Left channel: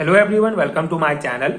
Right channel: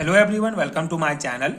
Hello everyone, welcome to my channel.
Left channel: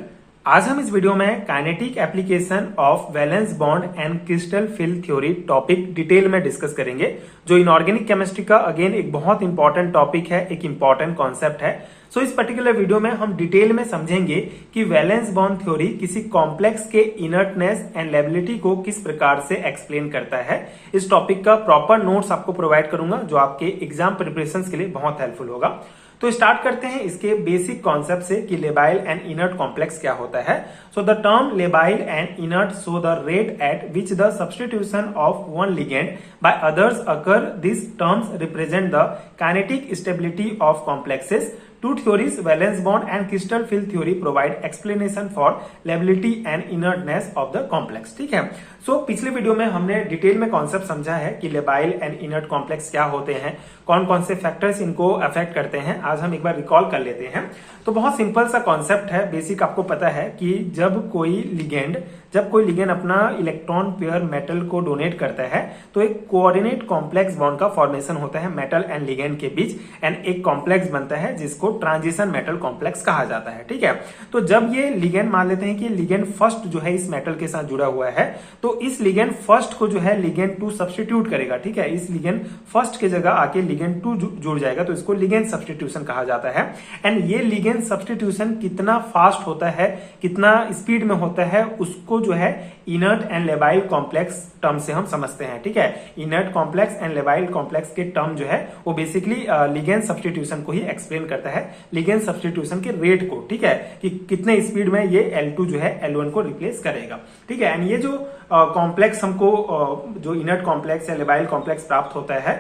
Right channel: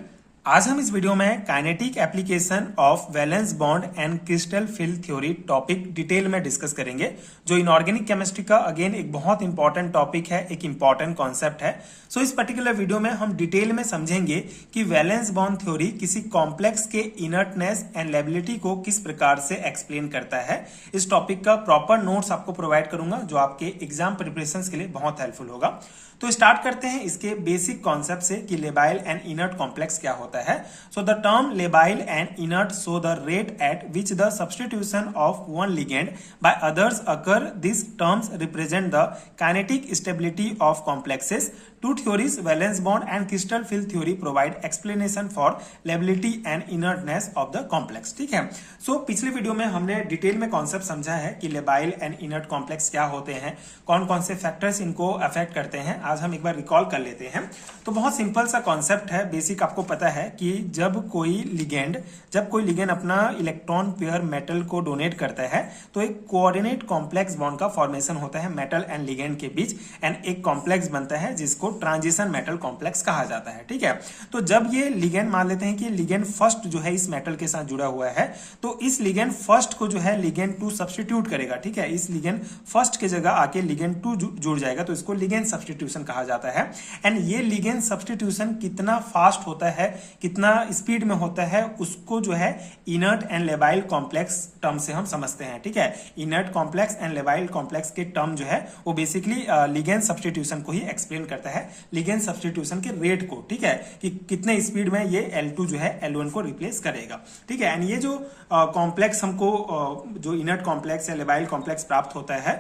आज हम इस वीडियो में kinetic application of valence bond and crystal field theory topic detail में discuss करेंगे, जो इनऑर्गेनिक केमिस्ट्री का अगेन एक बहुत इंपॉर्टेंट टॉपिक है, एक इंपॉर्टेंट कॉन्सेप्ट है। सो इस पर्टिकुलर वीडियो में हम डिटेल में समझेंगे कि वैलेंस बॉन्ड थ्योरी किसी कॉम्प्लेक्स के इनर्टनेस एंड लेबिलिटी को किस प्रकार से एक्सप्लेन करता है। इस टॉपिक का प्रॉपर नोट्स आपको प्रोवाइड करूंगा, जो आपके एग्जाम प्रिपरेशन के लिए बहुत हेल्पफुल होगा। तो स्टार्ट करते हैं इसके बेसिक कॉन्सेप्ट से कि लेबाइल एंड इनर्ट कॉम्प्लेक्स क्या होता है। So the term labile and inert show the rate at which the substitution of one ligand by others occur. This terms represent the kinetic stability of complexes. Two theories, valence bond and crystal field theory, provide explanation for lability and inertness of the complex। ठीक है। सो पिछले video में हमने detail में concept समझा है कि labile and inert complex क्या होते हैं, कौन कौन से फैक्टर्स इनको अफेक्ट करते हैं। आज हम एक बार रिकॉल कर लेते हैं। तो बहुत सिंपल सा कॉन्सेप्ट है, बेसिक आपको पता है कि जब कोई लिगेंड अपना इलेक्ट्रॉन पेयर मेटल को डोनेट करता है तो एक कोऑर्डिनेट कॉम्प्लेक्स बॉन्ड का फॉर्मेशन होता है मेटल एंड लिगेंड के बीच, एंड एक कॉम्प्लेक्स बनता है जिसको ट्रांजिशन मेटल कॉम्प्लेक्स कहा जाता है। ठीक है। तो जब ये लिगेंड, मान लेते हैं कि लिगेंड फर्स्ट जो है इस मेटल के साथ जुड़ा हुआ है, तो इस लिगेंड फर्स्ट को जो है लिगेंड 2 सब्स्टिट्यूट करेगा। ठीक है। इस लिगेंड फर्स्ट के जगह आके लिगेंड 2 जुड़ जाएगा, तो इसको लिगेंड सब्स्टिट्यूशन कहा जाता है। एंड ये लिगेंड सब्स्टिट्यूशन कितना फास्ट होता है, कितना स्पीड में होता है, उसको जो है inert and labile complex term से हम समझते हैं। ठीक है। Inert complex and labile complex के टर्म जो है वो बेसिकली लिगेंड सब्स्टिट्यूशन को ही एक्सप्लेन करता है, लिगेंड सब्स्टिट्यूशन के रेट को। ठीक है, कि कितने स्पीड में ये L2 जो है L1 को रिप्लेस करेगा। ठीक है। एंड ये जो कॉम्प्लेक्स हमको जो इनर्ट कॉम्प्लेक्स या लेबाइल कॉम्प्लेक्स प्राप्त होता है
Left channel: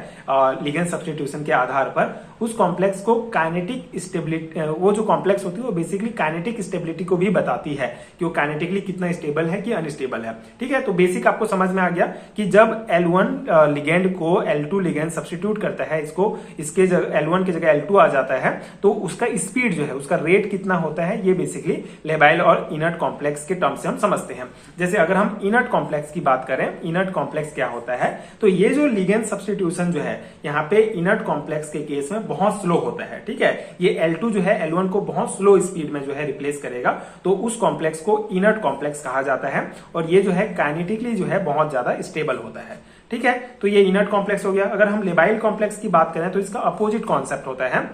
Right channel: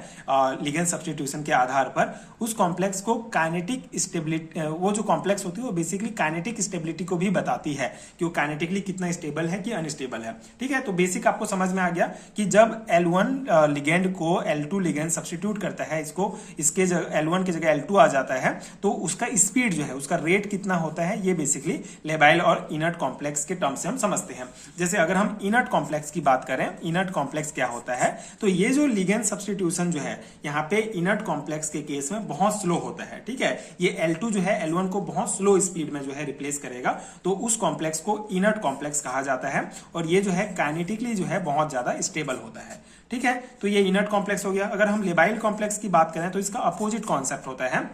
लिगेंड सब्स्टिट्यूशन के आधार पर, उस कॉम्प्लेक्स को काइनेटिक स्टेबिलिटी, वो जो कॉम्प्लेक्स होती है वो बेसिकली काइनेटिक स्टेबिलिटी को भी बताती है कि वो काइनेटिकली कितना स्टेबल है कि अनस्टेबल है। ठीक है। तो बेसिक आपको समझ में आ गया कि जब L1 लिगेंड को L2 लिगेंड सब्स्टिट्यूट करता है, इसके L1 की जगह L2 आ जाता है, तो उसका स्पीड जो है, उसका रेट कितना होता है, ये बेसिकली लेबाइल और इनर्ट कॉम्प्लेक्स के टर्म से हम समझते हैं। जैसे अगर हम इनर्ट कॉम्प्लेक्स की बात करें, इनर्ट कॉम्प्लेक्स क्या होता है, तो ये जो लिगेंड सब्स्टिट्यूशन जो है यहाँ पे इनर्ट कॉम्प्लेक्स के केस में बहुत स्लो होता है। ठीक है। ये L2 जो है L1 को बहुत स्लो स्पीड में जो है रिप्लेस करेगा, तो उस कॉम्प्लेक्स को इनर्ट कॉम्प्लेक्स कहा जाता है, और ये जो है काइनेटिकली जो है बहुत ज्यादा स्टेबल होता है। ठीक है। तो ये इनर्ट कॉम्प्लेक्स हो गया। अगर हम लेबाइल कॉम्प्लेक्स की बात करें तो इसका अपोजिट कॉन्सेप्ट होता है।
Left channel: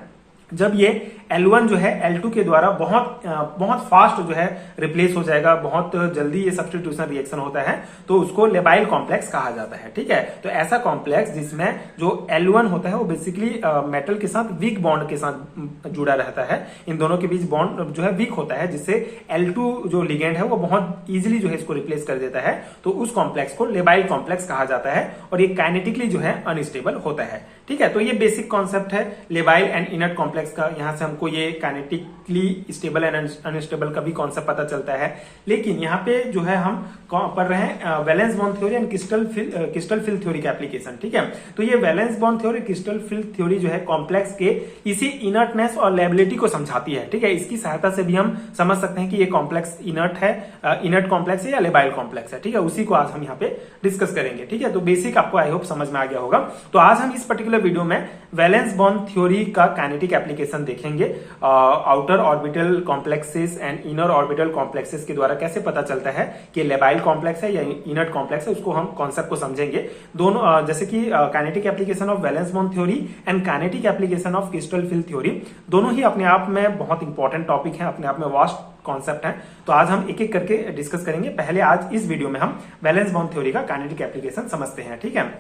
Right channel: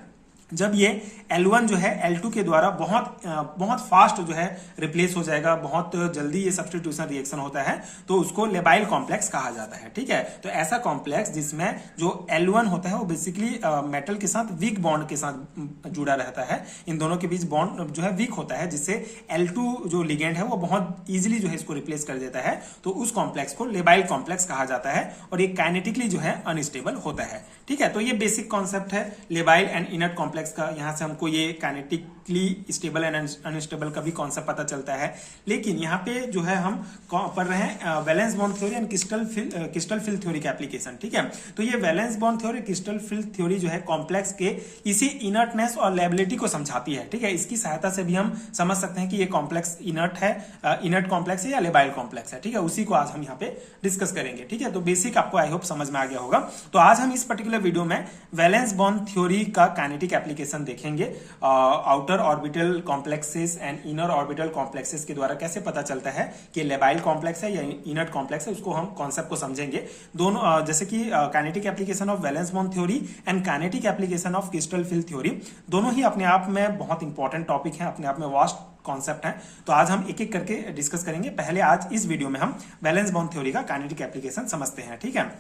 जब ये L1 जो है L2 के द्वारा बहुत फास्ट जो है रिप्लेस हो जाएगा, बहुत जल्दी ये सब्स्टिट्यूशन रिएक्शन होता है, तो उसको लेबाइल कॉम्प्लेक्स कहा जाता है। ठीक है। तो ऐसा कॉम्प्लेक्स जिसमें जो L1 होता है वो बेसिकली मेटल के साथ वीक बॉन्ड के साथ जुड़ा रहता है, इन दोनों के बीच बॉन्ड जो है वीक होता है, जिससे L2 जो लिगेंड है वो बहुत इजीली जो है इसको रिप्लेस कर देता है, तो उस कॉम्प्लेक्स को लेबाइल कॉम्प्लेक्स कहा जाता है, और ये काइनेटिकली जो है अनस्टेबल होता है। ठीक है। तो ये बेसिक कॉन्सेप्ट है लेबाइल एंड इनर्ट कॉम्प्लेक्स का। यहाँ से हमको ये काइनेटिकली स्टेबल एंड अनस्टेबल का भी कॉन्सेप्ट पता चलता है। लेकिन यहाँ पे जो है हम पढ़ रहे हैं valence bond theory and crystal field theory का एप्लीकेशन। ठीक है। तो ये valence bond theory, crystal field theory जो है कॉम्प्लेक्स के इसी इनर्टनेस और लेबिलिटी को समझाती है। ठीक है। इसकी सहायता से भी हम समझ सकते हैं कि ये कॉम्प्लेक्स इनर्ट है, इनर्ट कॉम्प्लेक्स है या लेबाइल कॉम्प्लेक्स है। ठीक है। उसी को आज हम यहाँ पे डिस्कस करेंगे। ठीक है। तो बेसिक आपको आई होप समझ में आ गया होगा। तो आज हम इस पर्टिकुलर वीडियो में वैलेंस बॉन्ड थ्योरी का काइनेटिक एप्लीकेशन देखेंगे। Outer orbital complexes and inner orbital complexes के द्वारा कैसे पता चलता है कि लेबाइल कॉम्प्लेक्स है या इनर्ट कॉम्प्लेक्स है, उसको हम कॉन्सेप्ट को समझेंगे। दोनों जैसे कि kinetic application of valence bond theory and kinetic application of crystal field theory, दोनों ही अपने आप में बहुत इंपॉर्टेंट टॉपिक है, अपने आप में वास्ट कॉन्सेप्ट है। तो आज हम एक एक करके डिस्कस करेंगे। पहले आज इस वीडियो में हम वैलेंस बॉन्ड थ्योरी का काइनेटिक एप्लीकेशन समझते हैं। ठीक है।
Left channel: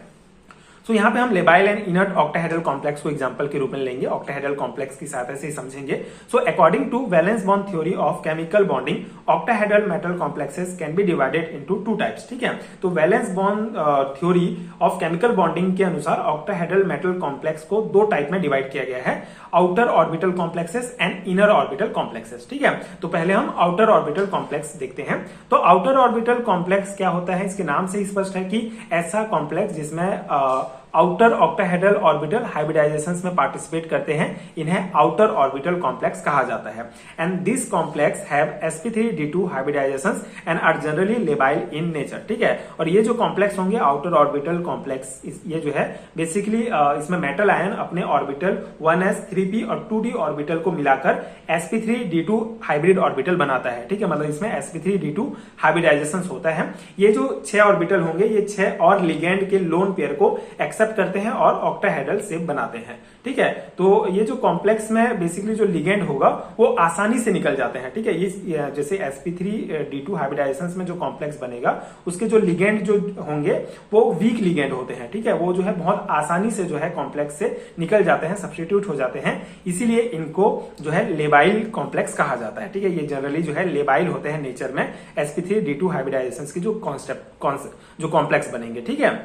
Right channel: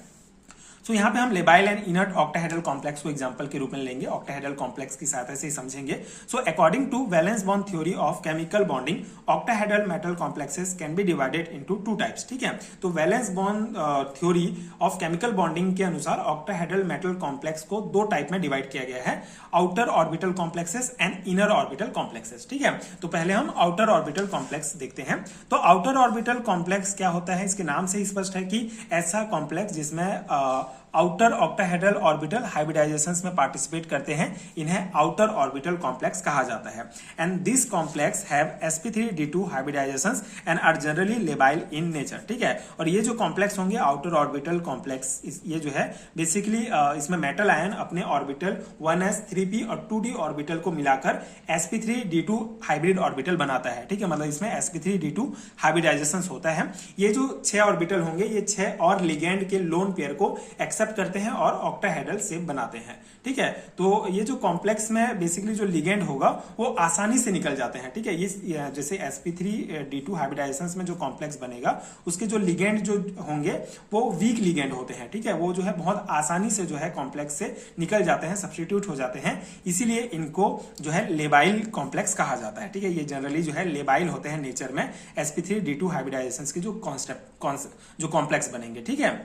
तो यहाँ पे हम labile and inert octahedral complex को एग्जांपल के रूप में लेंगे, ऑक्टाहेड्रल कॉम्प्लेक्स की सहायता से समझेंगे। So according to valence bond theory of chemical bonding, octahedral metal complexes can be divided into 2 types. ठीक है। तो valence bond theory of chemical bonding के अनुसार ऑक्टाहेड्रल मेटल कॉम्प्लेक्स को 2 टाइप में डिवाइड किया गया है, outer orbital complexes and inner orbital complexes. ठीक है। तो पहले हम आउटर ऑर्बिटल कॉम्प्लेक्स देखते हैं। तो आउटर ऑर्बिटल कॉम्प्लेक्स क्या होता है, इसके नाम से ही स्पष्ट है कि ऐसा कॉम्प्लेक्स जिसमें आउटर ऑक्टाहेड्रल ऑर्बिटल हाइब्रिडाइजेशंस में पार्टिसिपेट करते हैं, इन्हें आउटर ऑर्बिटल कॉम्प्लेक्स कहा जाता है। And this complex have sp3d2 hybridizations and are generally labile in nature, ठीक है। और ये जो कॉम्प्लेक्स होंगे आउटर ऑर्बिटल कॉम्प्लेक्स, ये जो है बेसिकली इसमें मेटल आयन अपने ऑर्बिटल 1s 3p और 2d ऑर्बिटल को मिलाकर sp3d2 हाइब्रिड ऑर्बिटल बनाता है, ठीक है। मतलब इसमें sp3d2 हाइब्रिडाइजेशन होता है। ये जो 6 ऑर्बिटल होंगे ये 6 और लिगेंड के लोन पेयर को एक्सेप्ट करते हैं और ऑक्टाहेड्रल शेप बनाते हैं, ठीक है। तो ये जो कॉम्प्लेक्स में बेसिकली जो लिगेंड होगा वो आसानी से निकल जाते हैं, ठीक है। इस जैसे sp3d2 हाइब्रिडाइजेशंस में जो कॉम्प्लेक्स बनेगा उसके जो लिगेंड जो होंगे वो वीक लिगेंड होते हैं, ठीक है। वो जो है बहुत आसानी से जो है कॉम्प्लेक्स से निकल जाते हैं, सब्स्टिट्यूट हो जाते हैं, इसीलिए इनको जो है लेबाइल कॉम्प्लेक्स कहा जाता है, ठीक है। ये जनरली जो है लेबाइल होते हैं नेचर में sp3d2 हाइब्रिडाइजेशंस की जो कॉन्सेप्ट जो कॉम्प्लेक्स बनेंगे, ठीक है।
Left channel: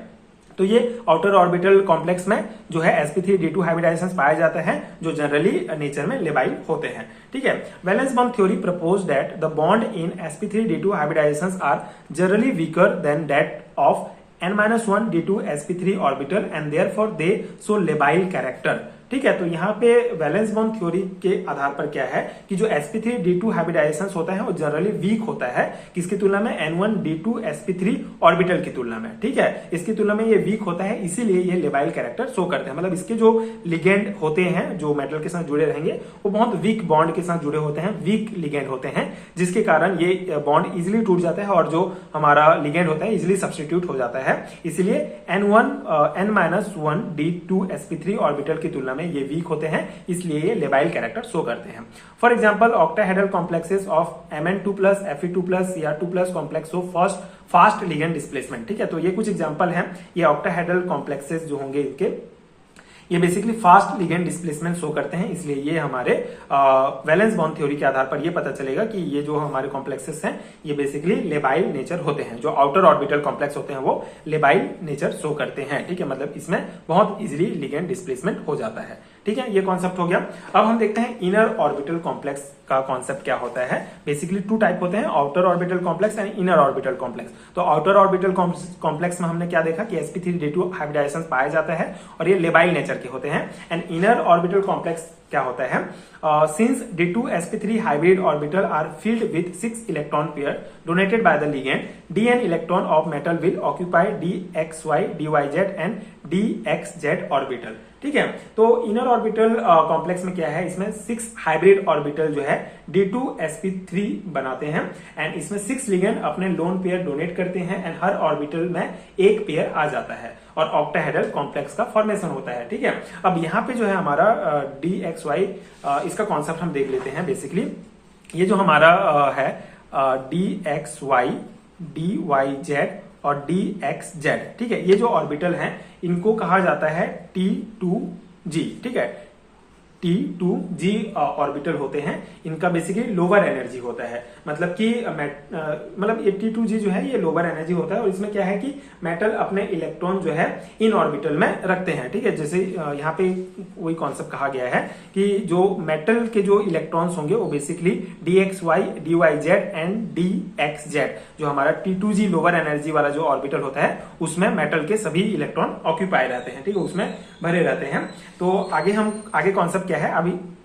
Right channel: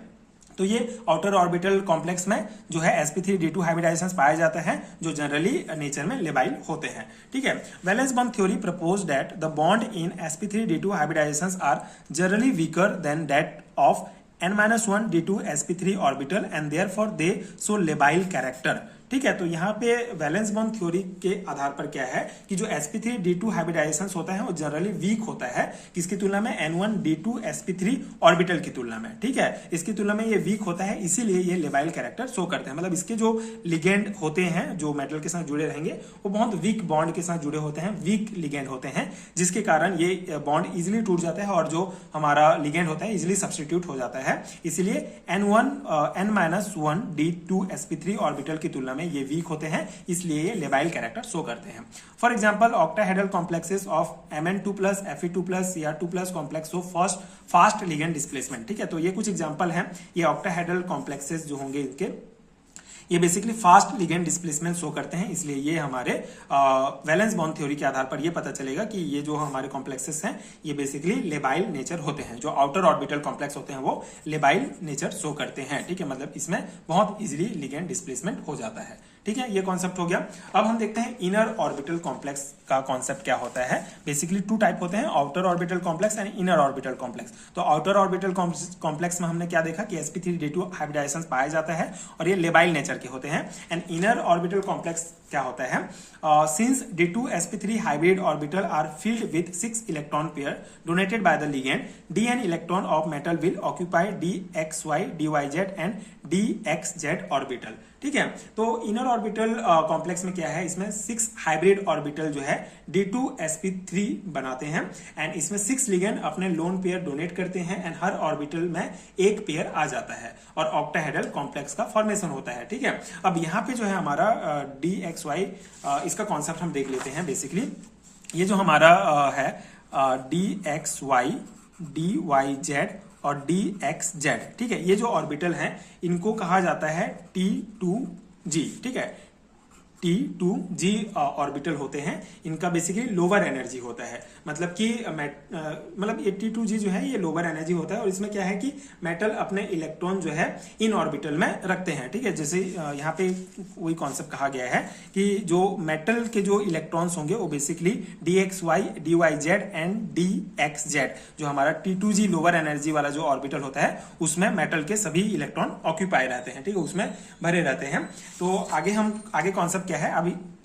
तो ये आउटर ऑर्बिटल कॉम्प्लेक्स में जो है sp3d2 हाइब्रिडाइजेशंस पाए जाते हैं जो जनरली नेचर में लेबाइल होते हैं, ठीक है। Valence bond theory propose that the bond in sp3d2 hybridizations are generally weaker than that of n-1 d2 sp3 orbital and therefore they show labile character, ठीक है। तो यहाँ पे वैलेंस बॉन्ड थ्योरी के आधार पर क्या है कि जो sp3d2 हाइब्रिडाइजेशंस होता है वो जनरली वीक होता है, किसकी तुलना में n1 d2 sp3 ऑर्बिटल की तुलना में, ठीक है। इसकी तुलना में ये वीक होता है, इसीलिए ये लेबाइल कैरेक्टर शो करते हैं। मतलब इसके जो लिगेंड होते हैं जो मेटल के साथ जुड़े रहेंगे वो बहुत वीक बॉन्ड के साथ जुड़े होते हैं, वीक लिगेंड होते हैं, जिसके कारण ये बॉन्ड इजिली टूट जाता है और जो हमारा लिगेंड होता है इजिली सब्स्टिट्यूट हो जाता है। इसलिए n-1 d2 sp3 ऑर्बिटल की तुलना में ये वीक होते हैं, इसलिए ये लेबाइल कैरेक्टर शो करते हैं। For example octahedral complexes of Mn2+ Fe2+ Cr2+ complex show fast ligand displacement, ठीक है। तो ये कुछ एग्जांपल हैं, ये ऑक्टाहेड्रल कॉम्प्लेक्सेस जो होंगे इनके ये basically fast ligand displacement show करते हैं, इसलिए ये हमारे वैलेंस बॉन्ड थ्योरी के आधार पर ये पता चलेगा कि ये जो हमारे कॉम्प्लेक्सेस हैं ये बेसिकली लेबाइल नेचर होते हैं। जो आउटर ऑर्बिटल कॉम्प्लेक्स होते हैं वो लेबाइल नेचर शो करते हैं, ठीक है। मतलब इसमें बहुत इजीली लिगेंड डिस्प्लेसमेंट हो जाता है, ठीक है। ये कॉन्सेप्ट हो गया। अब हम देखते हैं इनर ऑर्बिटल कॉम्प्लेक्स का कॉन्सेप्ट क्या होता है। बेसिकली 2 टाइप होते हैं, outer orbital complex and inner orbital complex. तो आउटर ऑर्बिटल कॉम्प्लेक्स में हमने क्या देखा कि sp3d2 हाइब्रिडाइजेशंस पाया जाता है और ये लेबाइल नेचर के होते हैं। एंड इनर ऑर्बिटल कॉम्प्लेक्स क्या होता है, since d2 sp3 hybrid orbital are filled with 6 electron pair donated by the ligand, dn electron of metal will occupy dxy dyz and dxz orbital, ठीक है। तो inner orbital complex में क्या है, इसमें 6 हाइब्रिड ऑर्बिटल जो है d2 sp3 बनाते हैं एंड इसमें 6 लिगेंड अपने लोन पेयर डोनेट करते हैं एंड हर ऑर्बिटल में एक पेयर आ जाता है और ऑक्टाहेड्रल कॉम्प्लेक्स का फॉर्मेशन होता है, ठीक है। अब यहाँ पे जो है हमारा dxy इसका कॉन्सेप्ट हम देख लेते हैं। बेसिकली ये जो हमारा है dxy dyz और dxz, ठीक है। ये जो ऑर्बिटल हैं इनको कहा जाता है T2g, ठीक है। T2g ऑर्बिटल होते हैं, इनका बेसिकली लोअर एनर्जी होता है। मतलब कि मतलब ये T2g जो है ये लोअर एनर्जी होता है और इसमें क्या है कि मेटल अपने इलेक्ट्रॉन जो है इन ऑर्बिटल में रखते हैं, ठीक है। जैसे यहाँ पे वही कॉन्सेप्ट कहा गया है कि जो मेटल के जो इलेक्ट्रॉन्स होंगे वो basically dxy dyz and dxz, जो हमारा T2g लोअर एनर्जी वाला जो ऑर्बिटल होता है उसमें मेटल के सभी इलेक्ट्रॉन ऑक्यूपाई रहते हैं, ठीक है, उसमें भरे रहते हैं। तो आगे कॉन्सेप्ट क्या है,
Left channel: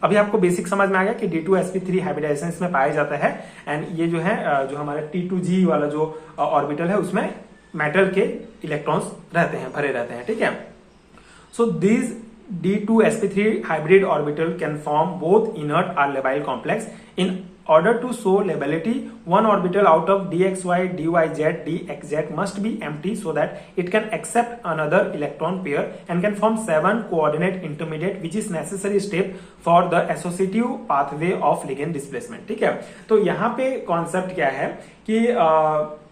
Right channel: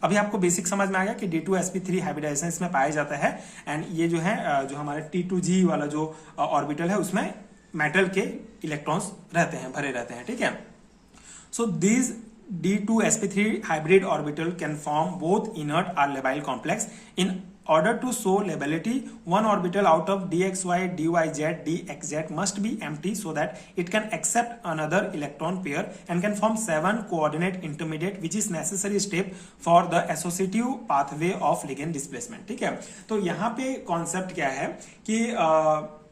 अभी आपको बेसिक समझ में आ गया कि d2 sp3 हाइब्रिडाइजेशंस में पाया जाता है एंड ये जो है जो हमारा T2g वाला जो ऑर्बिटल है उसमें मेटल के इलेक्ट्रॉन्स रहते हैं, भरे रहते हैं, ठीक है। So this d2 sp3 hybrid orbital can form both inert or labile complex. In order to show lability, one orbital out of dxy dyz dxz must be empty so that it can accept another electron pair and can form 7 coordinate intermediate, which is necessary step for the associative pathway of ligand displacement, ठीक है। तो यहाँ पे concept क्या है कि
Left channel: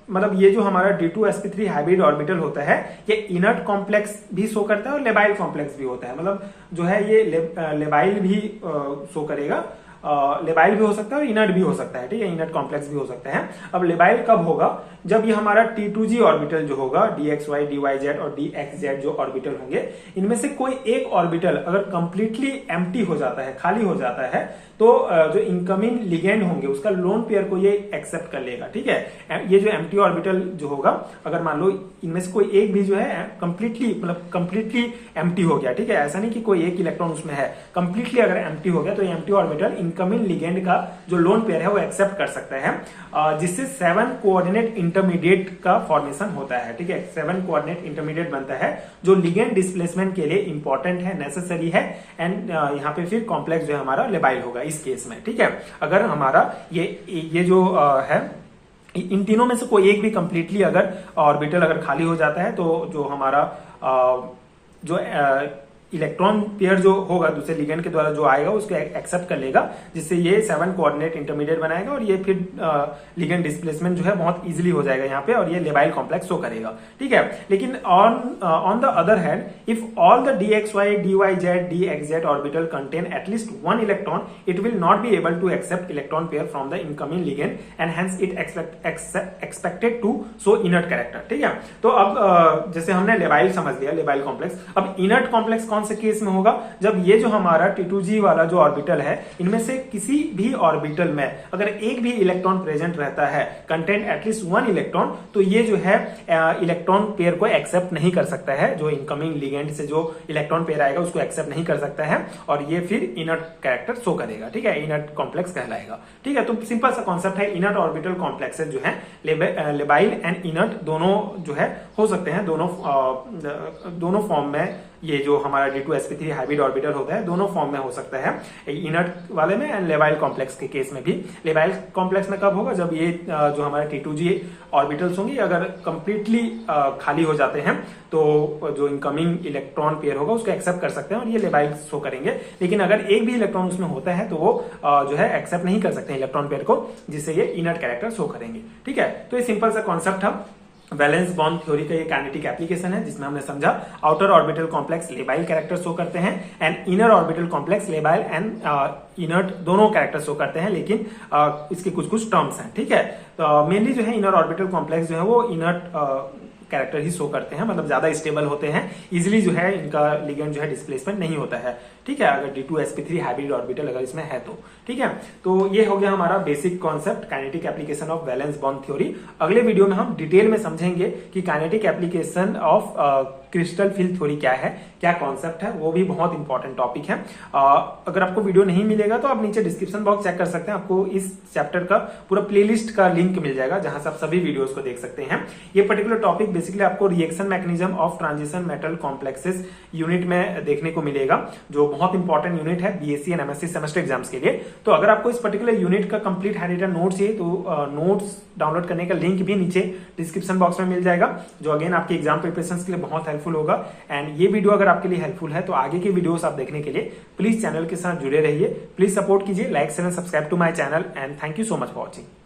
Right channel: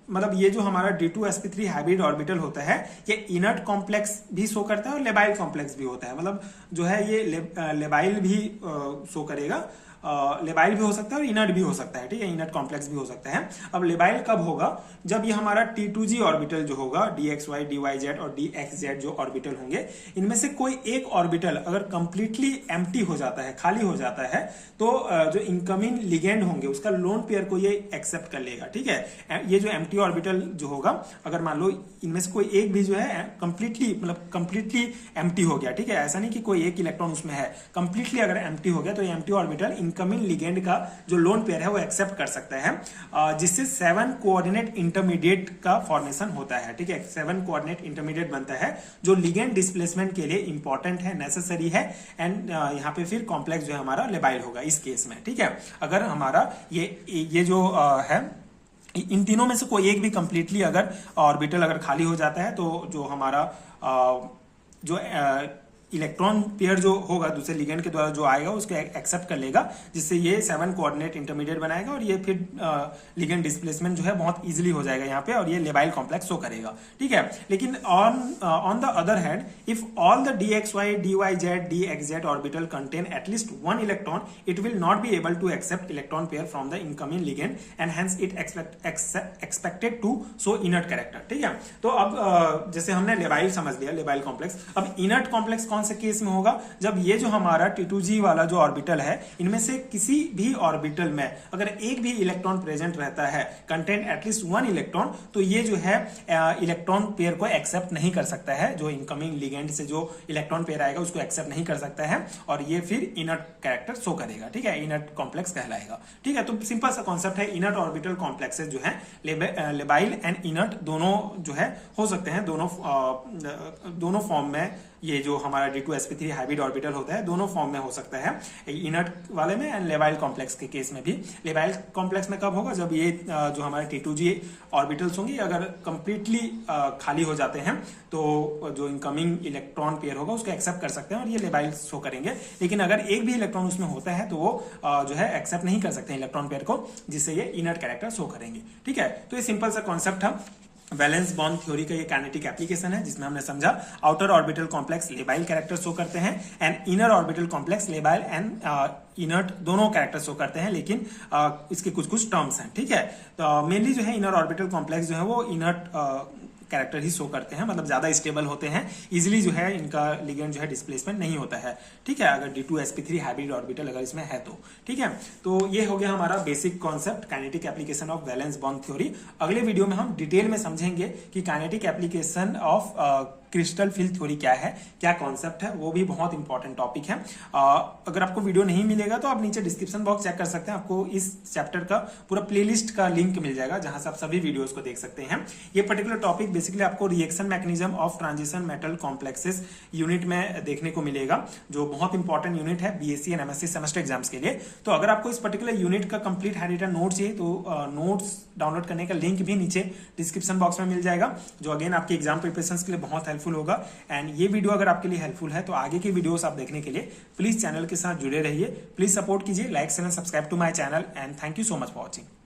मतलब ये जो हमारा d2 sp3 हाइब्रिड ऑर्बिटल होता है ये इनर्ट कॉम्प्लेक्स भी शो करता है और लेबाइल कॉम्प्लेक्स भी होता है। मतलब जो है ये लेबाइल भी शो करेगा लेबाइल भी हो सकता है और इनर्ट भी हो सकता है, ठीक है, इनर्ट कॉम्प्लेक्स भी हो सकता है। अब लेबाइल कब होगा, जब ये हमारा T2G ऑर्बिटल जो होगा, dxy dyz और dxz जो ऑर्बिटल होंगे, इनमें से कोई एक ऑर्बिटल अगर कंप्लीटली एम्प्टी हो जाता है, खाली हो जाता है, तो जो इनकमिंग लिगेंड होंगे उसका लोन पेयर को ये एक्सेप्ट कर लेगा, ठीक है। ये जो एम्प्टी ऑर्बिटल जो होगा, अगर मान लो इनमें से कोई एक भी जो है कंप्लीटली एम्प्टी हो गया, ठीक है, ऐसा नहीं कि कोई एक इलेक्ट्रॉन उसमें है, कंप्लीटली अगर एम्प्टी हो गया तो एम्प्टी ऑर्बिटल इनकमिंग लिगेंड का जो लोन पेयर है वो एक्सेप्ट कर सकता है, जिससे 7 कोऑर्डिनेट इंटरमीडिएट का फॉर्मेशन होता है, ठीक है। 7 कोऑर्डिनेट इंटरमीडिएट बनता है जो लिगेंड डिस्प्लेसमेंट के लिए इंपॉर्टेंट है, नेसेसरी है, एंड यहाँ पे फिर कॉम्प्लेक्स जो है हमारा लेबाइल होगा इस केस में, ठीक है। अगर हमारा ये जो है, इन तीनों में से कोई एक भी कंप्लीटली अगर ऑर्बिटल अगर खाली हो जाता है, तो जो हमारा जो इलेक्ट्रॉन पेयर जो होगा दूसरे लिगेंड के द्वारा जो आएगा उसको एक्सेप्ट कर लेगा, जिससे ये 7 कोऑर्डिनेट इंटरमीडिएट बनाएगा और ये फिर लिगेंड डिस्प्लेसमेंट जो है बहुत इजीली हो जाएगा यहाँ पे, और ये लेबाइल कॉम्प्लेक्स शो करेगा, ठीक है। लेकिन on the other hand, if all the dxy dyz dxz orbital contain at least 1 electron, it will not be able to accept electron pair from the incoming ligand and hence it expected to show inert character, ठीक है। तो अब जैसे हमने labile समझ लिया, labile complex, अब inert complex कौन से केस में होगा, जब ये जो हमारा T2G वाला जो ऑर्बिटल है, इनमें से किसी भी ऑर्बिटल में अगर एक भी इलेक्ट्रॉन प्रेजेंट रहता है, कंटेन एटलीस्ट 1 इलेक्ट्रॉन, तो ये जो है इलेक्ट्रॉन पेयर को एक्सेप्ट नहीं कर सकता है, जो इनकमिंग लिगेंड से जो इलेक्ट्रॉन पेयर आएगा उसको एक्सेप्ट नहीं कर सकता है, और ये फिर इनर्ट कैरेक्टर शो करेगा, ठीक है, इनर्ट कॉम्प्लेक्स कहलाएगा, ठीक है। तो सिंपल सा कॉन्सेप्ट है, इनर्ट ऑर्बिटल कॉम्प्लेक्सेस जो है लेबाइल एंड इनर्ट दोनों जो है हो सकते हैं, दोनों फॉर्म में। ये जो हमारा D2sp3 हाइब्रिड ऑर्बिटल होता है दोनों फॉर्म में हो सकता है, इनर्ट वाले में एंड लेबाइल कॉम्प्लेक्स के केस में भी। लेबाइल कॉम्प्लेक्स में कब होगा, जब ये जो हमारे T2G ऑर्बिटल्स होंगे अगर कंप्लीटली खाली हो जाते हैं, तो जो इनकमिंग इलेक्ट्रॉन पेयर होगा उसको एक्सेप्ट कर सकते हैं और ये लेबाइल शो करेंगे। लेकिन अगर एक भी इलेक्ट्रॉन उसमें होता है तो वो जो है एक्सेप्ट नहीं कर सकते इलेक्ट्रॉन पेयर को, जिससे ये इनर्ट कैरेक्टर शो करेंगे, ठीक है। तो ये सिंपल सा कॉन्सेप्ट था, वैलेंस बॉन्ड थ्योरी का ये काइनेटिक एप्लीकेशन है, जिसमें हमने समझा outer orbital complex labile character show करते हैं and inner orbital complex labile and inert दोनों कैरेक्टर शो करते हैं, लेकिन इसके कुछ टर्म्स हैं, ठीक है। तो मेनली जो है इनर ऑर्बिटल कॉम्प्लेक्स जो है वो इनर्ट कैरेक्टर ही शो करते हैं, मतलब ज्यादा स्टेबल होते हैं, इजीली जो है इनका लिगेंड जो है डिस्प्लेसमेंट नहीं होता है, ठीक है, अगर D2sp3 हाइब्रिड ऑर्बिटल अगर इसमें है तो, ठीक है। तो ये हो गया हमारा basic concept kinetic application of valence bond theory. अगले वीडियो में हम डिटेल में समझेंगे कि kinetic application of crystal field theory क्या है, क्या कॉन्सेप्ट है, वो भी बहुत इंपॉर्टेंट टॉपिक है। अगर आपको वीडियो नहीं मिलेगा तो आप नीचे डिस्क्रिप्शन बॉक्स चेक कर सकते हैं, आपको इस चैप्टर का पूरा प्लेलिस्ट का लिंक मिल जाएगा, जहां से आप सभी वीडियोस को देख सकते हैं। ये पर्टिकुलर टॉपिक बेसिकली आपको reaction mechanism of transition metal complexes unit में देखने को मिलेगा, जो बहुत इंपॉर्टेंट यूनिट है BSc and MSc semester exams के लिए। तो अगर आपको इस पर्टिकुलर यूनिट का कंप्लीट हाइलाइटेड नोट्स चाहिए तो नोट्स डाउनलोड करने का लिंक भी नीचे डिस्क्रिप्शन बॉक्स में मिल जाएगा, जो अगेन आपके एग्जाम प्रिपरेशन के लिए बहुत हेल्पफुल होगा। एंड ये वीडियो अगर आपके लिए हेल्पफुल है तो आगे की वीडियोस आप देखने के लिए प्लीज चैनल के साथ जुड़े रहिए, प्लीज सपोर्ट कीजिए, like share and subscribe to my channel and thank you so much for watching.